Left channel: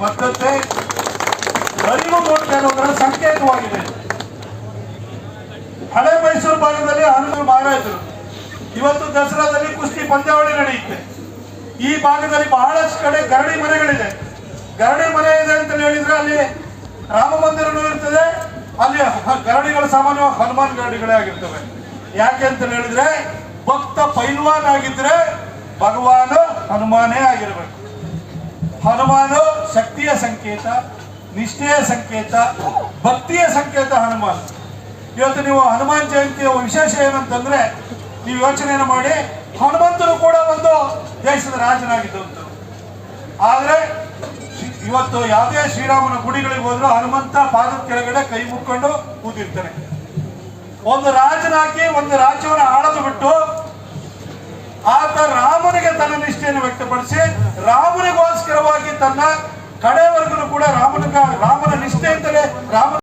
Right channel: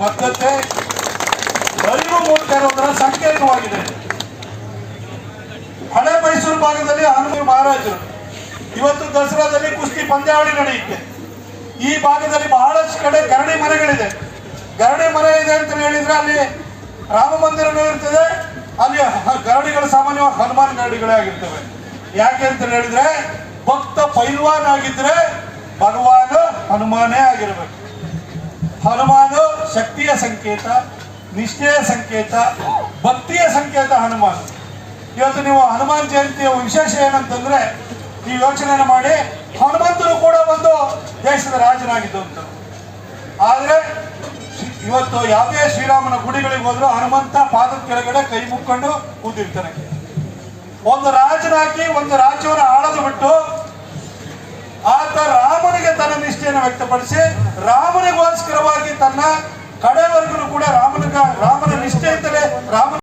ಬದ್ಧತೆ ಅರಿವು ಮೂಡ್ತಾ ಇರೋದರ ಸಂಕೇತವಾಗಿದೆ. ಹಳೆ ಮೈಸೂರು ಭಾಗದಲ್ಲಿ ಹನುಮಾನ್ ಮಹಾರಾಜರು. ಇವತ್ತು ದಸರಾದಲ್ಲಿ ಕುಸ್ತಿ ಪಂದ್ಯಾವಳಿ ನಡೆಯುತ್ತೆ. ಈ ಭಾಗದಲ್ಲಿ ಬಹಳಷ್ಟು ಕಡೆ ಗರಡಿ ಮನೆಗಳಿದೆ ಗರಡಿ ಮನೆ ಇದೆ ಅಂತ ಹೇಳಿದ್ರೆ ಅಲ್ಲಿ ರಾಮ ಮಂದಿರನೂ ಇರ್ತದೆ. ಅಲ್ಲಿ ಗರಡಿಗಳು ಸಾಮಾನ್ಯವಾಗಿ ಹನುಮಾನ್ ಗರಡಿಗಳೇ ಆಗಿರ್ತವೆ. ಯಾಕೆ ಅಂತ ಹೇಳಿದ್ರೆ ಭಕ್ತ ಪೈಲ್ವಾನ್ ಆಗಿದ್ರೆ ಭಗವಾನ್ ಹನುಮಾನೇ ಆಗಿರ್ಬೇಕು. ಹನುಮಾನು ಶಕ್ತಿಯ ಸಂಕೇತ, ನಿಷ್ಠೆಯ ಸಂಕೇತ, ಭಕ್ತಿಯ ಸಂಕೇತ ಹನುಮಾನ್. ಇವತ್ತು ನೀವು ಹನುಮಾನ್ ಜಯಂತಿಯ ವಿಶೇಷ ಏನಂತಂದ್ರೆ ನೀವು ಯೋಚನೆಯನ್ನು ಮಾಡಿ, ಹನುಮಂತರು ಕೂಡ ಒಂದು ದೇಶದ ರಾಜನಾಗಿದ್ದು ಅಂತ. ಆದ್ರೆ ಇವತ್ತು ಯಾವುದೇ ಶ್ರೀರಾಮನ ಗುಡಿಗಳಿಗೆ ಹೋದ್ರು ಹನುಮಂತ ಪಾದದ ಕೆಳಗಡೆ ಕೈ ಮುಕ್ಕೊಂಡು ಕೂತಿರ್ತಾನೆ. ಒಂದು ರಾಜನಾಗಿ ಒಂದು ರಾಜ್ಯವನ್ನು ಆಳದು ಬಿಟ್ಟು ಆತ ರಾಮನಿಗೆ ತನ್ನ ನಿಷ್ಠೆಯನ್ನು ವ್ಯಕ್ತಪಡಿಸಿ, ರಾಮನಿಗೋಸ್ಕರವಾಗಿ ತನ್ನ ಕಡೆವರೆಗೂ ಕೂಡ ರಾಮನ ರಾಮನ ನಿಷ್ಠೆ ಅಂತಲೇ ರಾಮ